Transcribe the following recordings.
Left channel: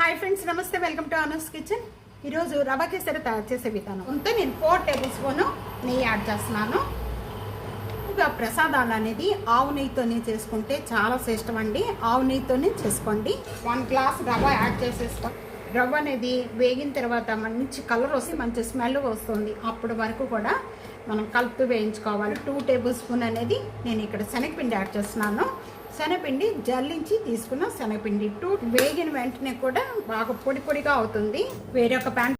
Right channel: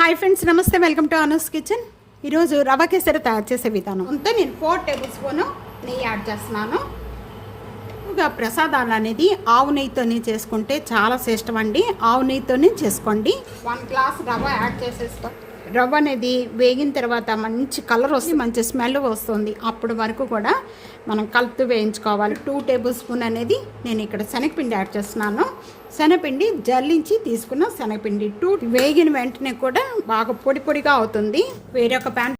Hi friends నమస్తే welcome to Anas kitchen ఈరోజు రవ కేసరి తయారు చేసే విధానం. అంతా నేను ఫోర్ టేబుల్ స్పూన్ నెయ్యి యాడ్ చేస్తున్నాను. ఇంకా ప్రసాదాలు అనేది ఆవు నెయ్యితోనే చేసుకుంటే చాలా శ్రేష్టం అండి ఆవు నెయ్యితోనే చేసుకోండి. వన్ గ్లాస్ రవ యాడ్ చేసేసుకో రవ్వ అనేది వేగిన తర్వాత మంచి కలర్ వస్తుంది మంచి స్మెల్ వస్తుంది. అప్పటి వరకు కూడా మనం కలుపుతూ వేయించుకోవాలి. టూ టేబుల్ స్పూన్ అనేది నేను ఇక్కడ శనగపిండి యాడ్ చేస్తున్నాను. శనగపిండి జల్లించి తీసుకున్న శనగపిండి. టూ వేగిన వెంటనే కూడా బాగా పొడి పొడిగా అవుతుంది. వేరొక ప్యాన్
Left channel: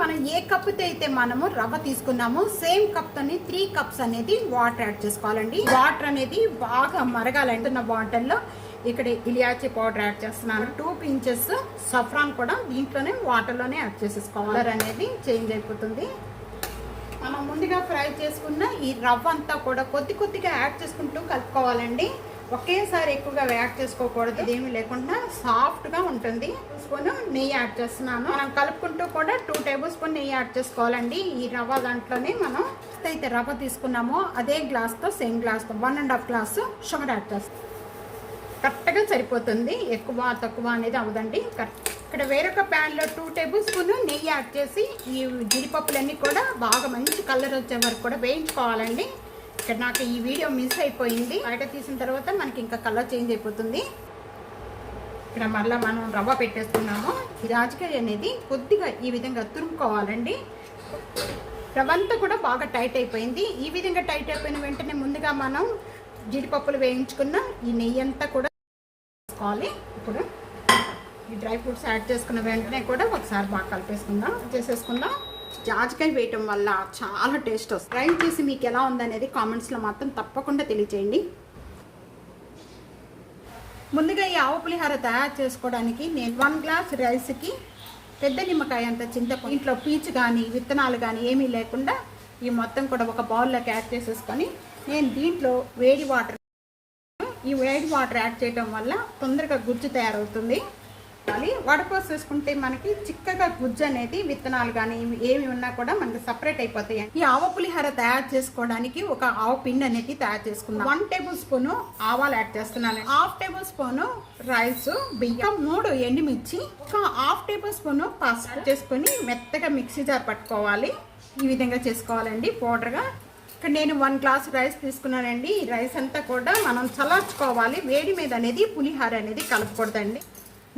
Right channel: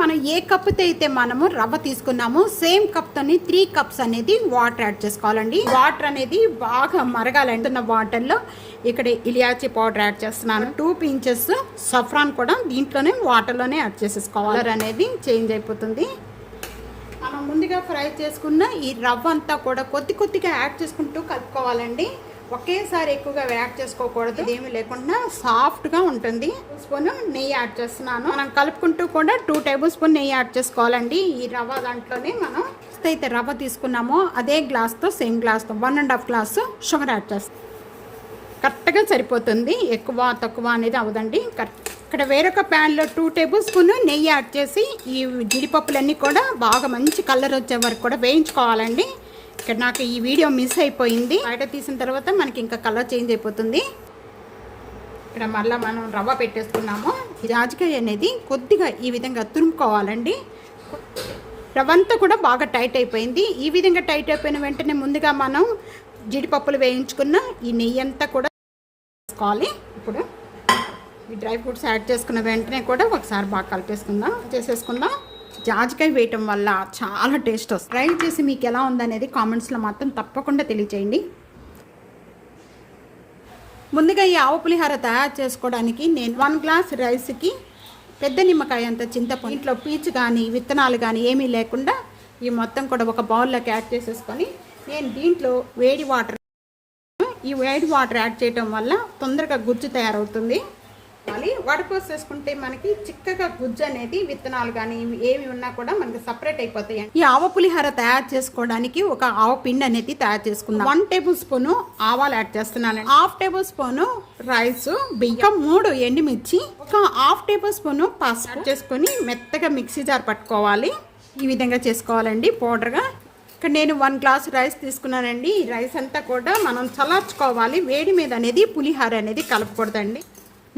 మనం ఏ కప్పుతో అయితే మనము రవ్వ తీసుకున్నామో సేమ్ కప్తోని త్రీ కప్స్ అనేది వాటర్ యాడ్ చేసుకోవాలండి. వాటర్ అనేది బాగా మరగాలండి. వాటర్లో ఇక్కడ ఇలియాచి పౌడర్ యాడ్ చేస్తున్నాను. టూ పించెస్ సఫ్రాన్ కూడా దీంట్లోనే వాటర్లోనే యాడ్ చేసేసుకోవాలి. అనేది చేంజ్ అయిపోతుంది. మనం ముందుగా ఫ్రై చేసుకున్న ఈ రవ్వ అంతా కూడా కొద్ది కొద్దిగా యాడ్ చేసుకుంటూ కలుపుకోవాలండి. ఒకేసారి ఎక్కువగా యాడ్ చేసుకోకూడదు. ఏమీ లేకుండా సాఫ్ట్గా ఉంటుంది. స్పూన్ నెయ్యి యాడ్ చేస్తున్నాను. మనం కలుపుకుంటూ కూడా టూ టేబుల్ స్పూన్ నెయ్యి యాడ్ చేసుకోవాలండి. ఈ రవ్వ దాంట్లోనే మనం అయితే రవ్వ తీసుకున్నామో అదే గ్లాస్తో సేమ్ గ్లాస్తో one and half glass sugar add చేస్తాం. కరెక్ట్గా సరిపోతుంది. ఎక్కువ తక్కువ అనేది అవదండి కరెక్ట్. ఇక్కడ వేరొక ప్యాన్లో టూ టేబుల్ స్పూన్ నెయ్యి యాడ్ చేసి ఈ జీడిపప్పులన్నీ కూడా బాగా మంచి కలర్ వచ్చే వరకు కూడా వేయించుకోవాలండి. ఇక్కడ నాకు ఈ వీడియో మిస్ అయిపోయింది. బయట తీసిన తర్వాత మనకి ఇంకా కలర్ చేంజ్ అయిపోతుంది. ఇక్కడ మళ్ళీ మనం రవ్వ పెట్టేస్తున్నాము. జాజికాయ అనేది కొద్దిగా ఈ విధంగా తురుముకోవాలండి. రవ్వ అంతా కూడా బాగా టైట్ అయిపోయింది. ఈ విధంగా టైట్ అయిపోయిన వెంటనే ముందుగా మనం జీడిపప్పులు వేయించుకున్న ఈ నెయ్యి అంతా కూడా వేసుకోవాలి. ఇప్పుడు ఈ డ్రై ఫ్రూట్స్ యాడ్ చేసుకున్న వెంటనే కూడా ఒకసారి బాగా కలిపేసుకుందాం. చేసేసుకుందాం. జాజికాయ వేయటం వల్ల చాలా టేస్ట్ వస్తుంది. ట్రై చేసి మీకు ఎలా ఉందనేది కామెంట్స్లో మాత్రం తప్పకుండా తెలియచేయండి. ముందుగా ఈ ఆవు పులిహార తయారు చేసుకోవడానికి నేను వన్ గ్లాస్ రైస్కి పెద్ద నిమ్మకాయ అంత చింతపండు ఇంట్లో పీచు కానీ విత్తనాలు కానీ ఏమీ లేకుండా ఈ మొత్తం కూడా ఒక బౌల్లోకి యాడ్ చేసేసుకొని నేను దీంట్లో వేడి వాటర్ ఈ వేడి వాటర్ యాడ్ చేయడం వల్ల తొందరగా గుజ్జు తయారవుతుంది. మళ్ళీ వడపోసేసుకుంటే మనకి చిక్కగా గుజ్జు అనేది విత్తనాలు కానీ ఏమి ఉన్నా కూడా మనకి సపరేట్ అయిపోతాయి. ఈ ఆవ పులిహార తయారు చేసుకోవడానికి ఒక ఆవ పిండి అనేది తయారు చేసుకుందాం. వన్ టేబుల్ స్పూన్ ఆవాలు యాడ్ చేస్తున్నాను. హాఫ్ టేబుల్ స్పూన్ రైస్ బియ్యం మూడు ఎండుమిర్చి ఒక హాఫ్ టేబుల్ స్పూన్ పసుపు చేసుకొని మెత్తగా మిక్సీ జార్ పట్టుకోవాలి. ఈ విధంగా చేసుకోవాలండి పౌడర్గా ఇక్కడ నేను వన్ గ్లాస్ రైస్ తీసుకున్నానండి. ఈ రైస్ అంతా కూడా మనం చల్లార్చుకోవాలి. వేడి మీద అనేది పులిహార అనేది కలపకూడదండి.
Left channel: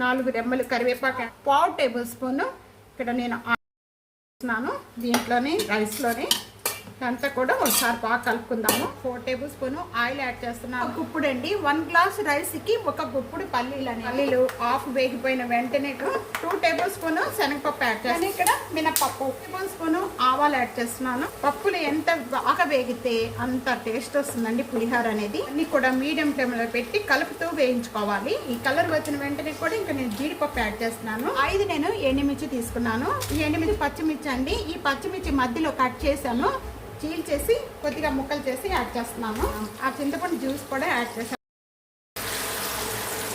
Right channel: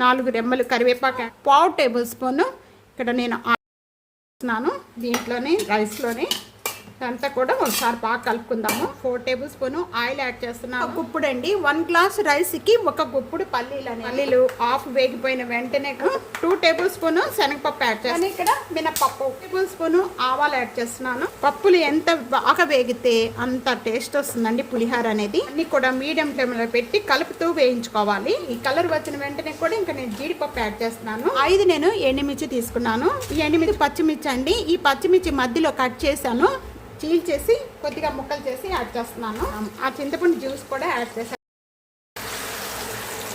నాలుగు రెమ్మలు కరివేపాకు పావు టేబుల్ స్పూన్. ఇక్కడ నేను వేస్తున్నాను దీంట్లోనే రైస్లోనే. అంతా కూడా ఒకసారి బాగా కలుపుకుందాము. Four tablespoon oil add చేస్తున్నాను. గుప్పుడు అండి. వన్ గ్లాస్ రైస్కి ఒక గుప్పుడు పల్లీలు అని పల్లీలు హాఫ్ వేగిపోయిన వెంటనే టూ టేబుల్ స్పూన్ శనగపప్పు యాడ్ చేస్తాను ఇక్కడ మినపప్పు. టేబుల్ స్పూన్ ఆవాలు యాడ్ చేస్తున్నాను. పప్పులు ఎంత బాగా వేగితే అంత టేస్ట్ వస్తుందండి పులిహార అనేది. అన్ని కూడా మీడియం ఫ్లేమ్లో పెట్టి కలుపుతూ వేయించుకోవాలి. ఈ కలర్ వచ్చిన వెంటనే కూడా ఇంకా నేను జీడిపప్పు యాడ్ చేస్తున్నాను. ఐదు నేను ఎండుమిర్చి తీసుకున్నాను. ఈ ఎండుమిర్చి పచ్చిమిర్చి అండి. ఈ పచ్చిమిర్చి మధ్యలో కట్ చేశాను. చీల్ చేసి కొద్దిగా ముక్కలు చేసి యాడ్ చేస్తున్నాను. ఆ చింతపండు జ్యూస్ కూడా యాడ్ చేసాను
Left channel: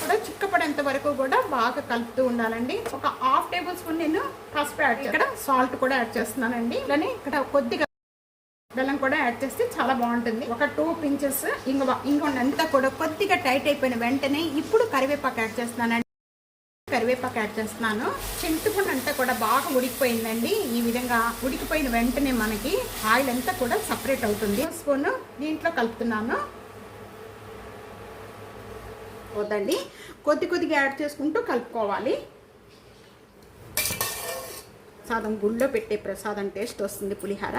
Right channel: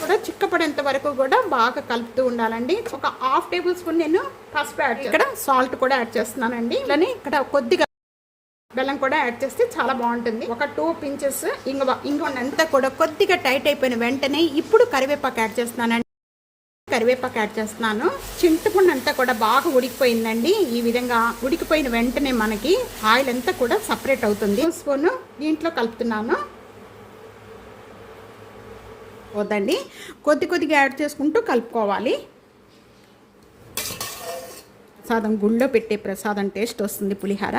కూడా చిక్కపడేంత వరకు కూడా బాగా కలుపుతూ ఉండాలండి. ఒక హాఫ్ టేబుల్ స్పూన్ నేను పసుపు యాడ్ ఇక్కడ సాల్ట్ కూడా యాడ్ చేస్తున్నానండి. ఇలానే ఇక్కడ కొద్దిగా బెల్లం కూడా యాడ్ చేస్తే చాలా బాగుంటుంది. ఒక టూ పించెస్ ఇంగువ ఇంగువ అంతా కూడా కొద్దిగా టైట్ అయిపోయిన వెంటనే ఇప్పుడు కరివేపాకు యాడ్ చేస్తున్నానండి. కరివేపాకు యాడ్ చేస్తున్నాను. చింతపండు అంతా కూడా బాగా ఉడికిపోయిందండి. ఈ విధంగా ఉడికిపోయిన వెంటనే మనకి ఆయిల్ అంతా కూడా సపరేట్ అవుతుంది. స్పూన్ దీంట్లో కలుపుతున్నాను. వద్దండి. కొద్ది కొద్దిగా యాడ్ చేసుకుంటూ కలుపుకోవాలి. ప్రసాదం గుళ్ళో పెట్టే ప్రసాదం టేస్ట్ వస్తుంది పులిహార.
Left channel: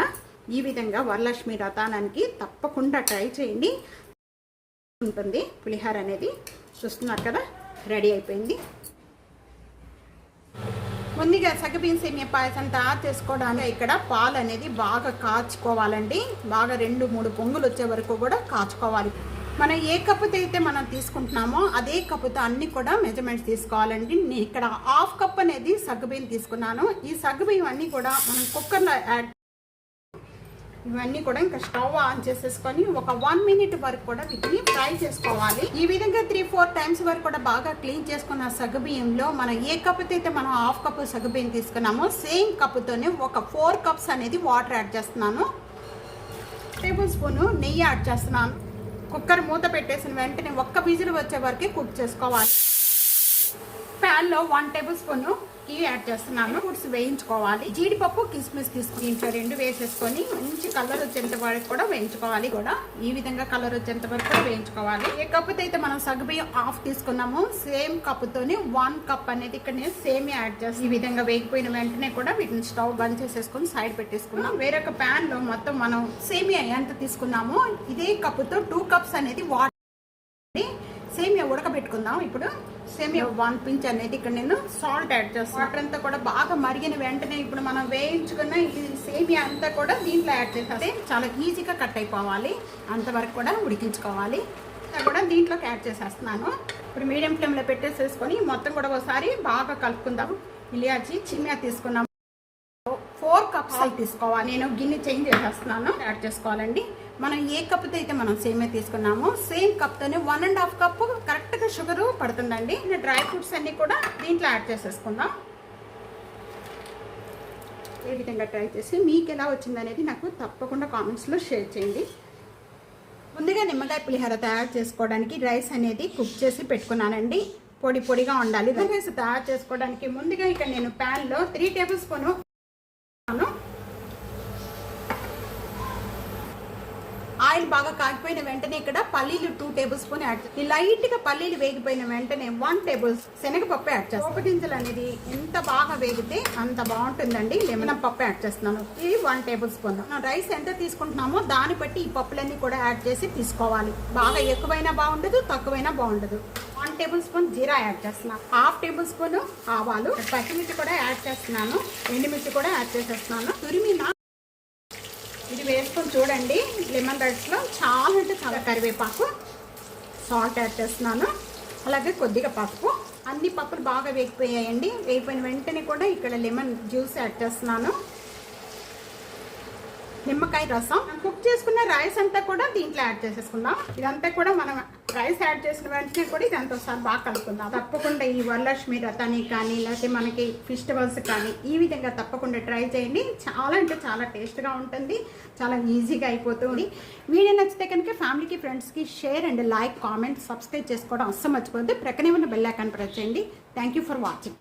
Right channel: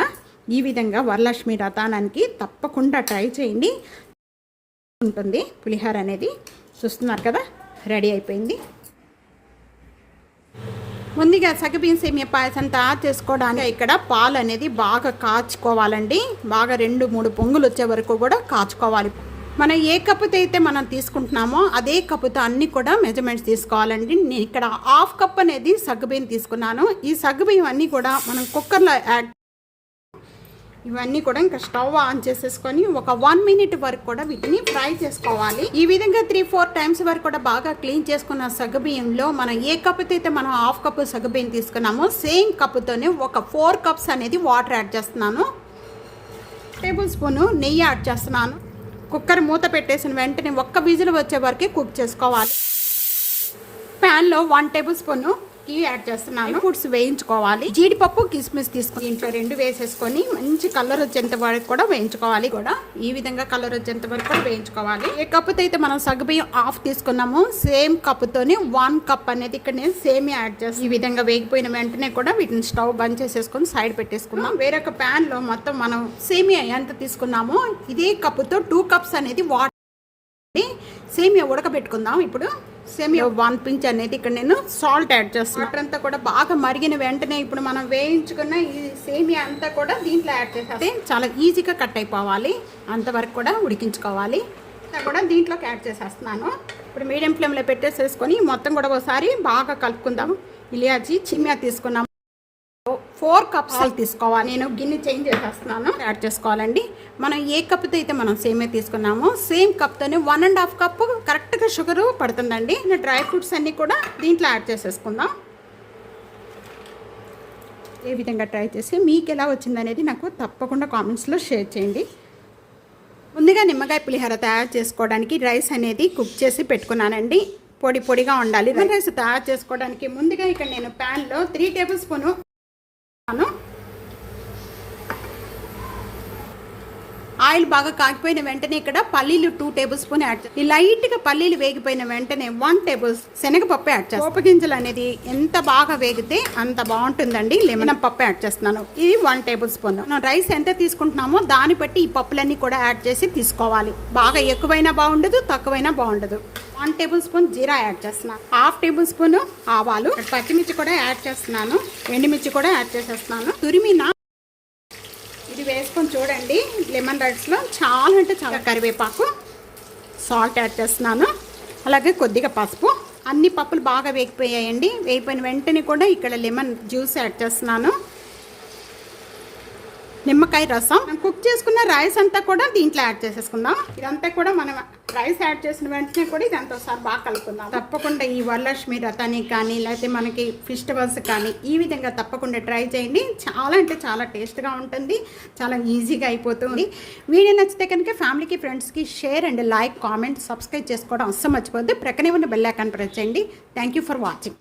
ఈ విధంగా వరలక్ష్మి రథానానికి తప్పకుండా ట్రై చేయండి. ఉంటుంది పులిహార అనేది. చూస్తున్నారు కదా? రెడీ అయిపోయింది. ముందుగా సగబియ్యం సేమియా పాయసం తయారు చేసుకోవడానికి ఇక్కడ పాలు అనేది బాగా కాచుకోవాలండి. బాగా రెండు మూడు పొంగులు వచ్చే వరకు కూడా కాచుకోవాలి. మనం ఏ కప్పుతో అయితే మనం తీసుకుంటున్నామో అదే కప్పుతో అన్ని కూడా మెజర్మెంట్స్ తీసుకోవాలండి. నేను ఇక్కడ హాఫ్ కప్ అనేది సగ్గుబియ్యం తీసుకున్నాను. ఈ సగ్గుబియ్యం అన్నీ కూడా మనం కుక్కర్లో యాడ్ ఇవన్నీ కూడా ఇంకా స్టవ్ ఆన్ చేసేసుకొని ఒక వన్ మినిట్ వరకు కూడా వీటిని ఫ్రై చేసుకోవాలి. ఈ విధంగా త్రీ ఫోర్ టైమ్స్ వరకు కూడా బాగా క్లీన్ చేసుకున్న సగబియ్యంలో మనం ఏ కప్పుతో అయితే మనం హాఫ్ కప్పు సగబియ్యం తీసుకున్నామో సేమ్ కప్పుతోనే ఒక ఫోర్ కప్స్ అనేది వాటర్ యాడ్ చేస్తున్నాను. టేబుల్ స్పూన్ నెయ్యి యాడ్ చేస్తున్నాను. కుక్కర్ మూత పెట్టేసిన వెంటనే ఒక్క విజిల్ వచ్చే వరకే కుక్ చేసుకోవాలి. ప్యాన్లో వన్ టేబుల్ స్పూన్ టీ యాడ్ చేస్తున్నాను. ఫుడ్స్ వేయించుకోవాలి. జీడిపప్పు కిస్మిస్ తీసుకుని ఇంట్లో రెండు వేసేసుకొని మంచి కలర్ వచ్చేంత వరకు కూడా వేయించుకోవాలి. కూడా ఈ విధంగా కలర్ వచ్చేంత వరకు కూడా వేయించుకోవాలి. ఏ కప్పుతో అయితే మనం సగబియ్యం హాఫ్ తీసుకున్నాము సేమ్ కప్పుతోని వన్ కప్ అనేది ఇక్కడ నేను సేమ్ యాడ్ చేస్తాను ఈ విధంగా వేగిపోయిన వెంటనే కూడా వీటిని స్టవ్ బంద్ చేసేసుకొని సైడ్ పెట్టేసుకున్నాం. వేరొక ప్యాన్లో మొత్తం మనం సేమియా ఎంత తీసుకున్నామో ఇదే కప్పుతో టూ కప్స్ అనేది వాటర్ సేమియా ఉడకబెట్టుకుందాం. ఇప్పుడు సేమియా వన్ పించ్ అనేది ఇక్కడ నేను సాల్ట్ యాడ్ చేస్తాను వాటర్ అంతా కూడా బాగా మరిగిన వెంటనే ఇప్పుడు మనం వేయించుకున్న ఈ సేమియా అంతా కూడా దీంట్లో యాడ్ చేస్తే చాలా ఈజీగా కట్ అయిపోవాలి. అంతవరకు కూడా ఉడికించుకోవాలి. అంతా కూడా దీంట్లోకి యాడ్ చేసేస్తున్నాను. ఇప్పుడు మీడియం ఫ్లేమ్లో పెట్టేసేసుకొని మొత్తం కూడా ఒకసారి బాగా కలుపుకుందాం. ఇలియాచి చిమ్మియా తీసుకున్నాం. ఫోర్ కప్స్ అయితే తీసుకోవాలి. నేను గిన్నె చేంజ్ చేసేస్తున్నాను. యాడ్ చేసుకోవాలండి. మనం ఏ కప్తో అయితే మనం సేమే తీసుకున్నామో సేమ్ కప్తోనే వన్ అండ్ హాఫ్ కప్ కరెక్ట్గా షుగర్ పడుతుందండి. డ్రై ఫ్రూట్స్ అన్నీ కూడా దీంట్లో యాడ్ చేసేసుకుందాం. ఏ విధంగా ట్రై చేసి మీకు ఎలా వచ్చిందనేది నాకు తప్పకుండా కామెంట్స్లో షేర్ చేయండి. ముందుగా నిమ్మకాయ పులిహోర తయారు చేసుకోవడానికి రైస్ అనేది కుక్ చేసి పెట్టుకున్నానండి. పొడి పొడిగా ఉండాలి. రైస్ తయారు చేసుకోవడానికి ముందుగా ఇక్కడ నేను ప్యాన్లో త్రీ టేబుల్ స్పూను ನಾನು ఆయిల్ బాగా కాగిపోయిన వెంటనే ఇక్కడ పల్లీలు టూ టేబుల్ స్పూన్ యాడ్ చేస్తాను లైట్గా పల్లీలు వేగిపోయిన వెంటనే వన్ టేబుల్ శనగపప్పు యాడ్ చేస్తాను పోపు గింజలు అనేది ఎంత బాగా వేగితే అంత బాగుంటుందండి. లెమన్ పప్పు యాడ్ చేస్తున్నాను. ఇది వన్ టేబుల్ స్పూన్ మనం రైస్ ఎంత తీసుకుంటున్నామో దాన్ని బట్టి ఈ పప్పులన్నీ కూడా యాడ్ చేసి తీసుకోవాలి. బాగా ఎక్కువైనా బాగుండదు తక్కువైనా బాగుండదు. వన్ టేబుల్ స్పూన్ జీరా యాడ్ చేస్తున్నాను హాఫ్ టేబుల్ స్పూన్ ఆవాలు. పచ్చిమిర్చి కూడా యాడ్ చేస్తున్నాను. ఎండుమిర్చి కూడా యాడ్ చేసేస్తున్నాను. తురిమిన వేసుకొని చూడండి. లెమన్ రైస్లో చాలా అంటే చాలా కరివేపాకు. సాల్ట్ యాడ్ చేస్తున్నాను. అలాగే కొద్దిగా పసుపు. అన్ని పప్పులు బాగా వేగిపోయాయండి. వేగిపోయిన వెంటనే కూడా ఇక్కడ లెమన్ జ్యూస్ యాడ్ చేస్తున్నాను. నిమ్మకాయ రసం. మనం కుక్ చేసుకున్న రైస్ అంతా కూడా దీంట్లో యాడ్ చేసేసుకుందాం. ఇదంతా కూడా మనం రైస్ యాడ్ చేసిన వెంటనే కూడా ఇదంతా ఒకసారి బాగా కలుపుకుందాం. తప్పకుండా ఈ వరలక్ష్మి రథానికి కానీ లేకపోతే మనకి ఫెస్టివల్స్ కానీ ఈ విధంగా తప్పకుండా ట్రై చేయండి. చాలా అంటే చాలా టేస్ట్గా ఉంటుంది. చాలా ఈజీగా అయిపోతుంది వీడియో నచ్చితే కనుక ఫ్యామిలీకి ఫ్రెండ్స్కి share and like comment subscribe చేసుకోవడం అస్సలు మర్చిపోద్దు ప్రక్కనే ఉన్న బెల్ ఐకాన్ ప్రెస్ చేయండి. Thank you for watching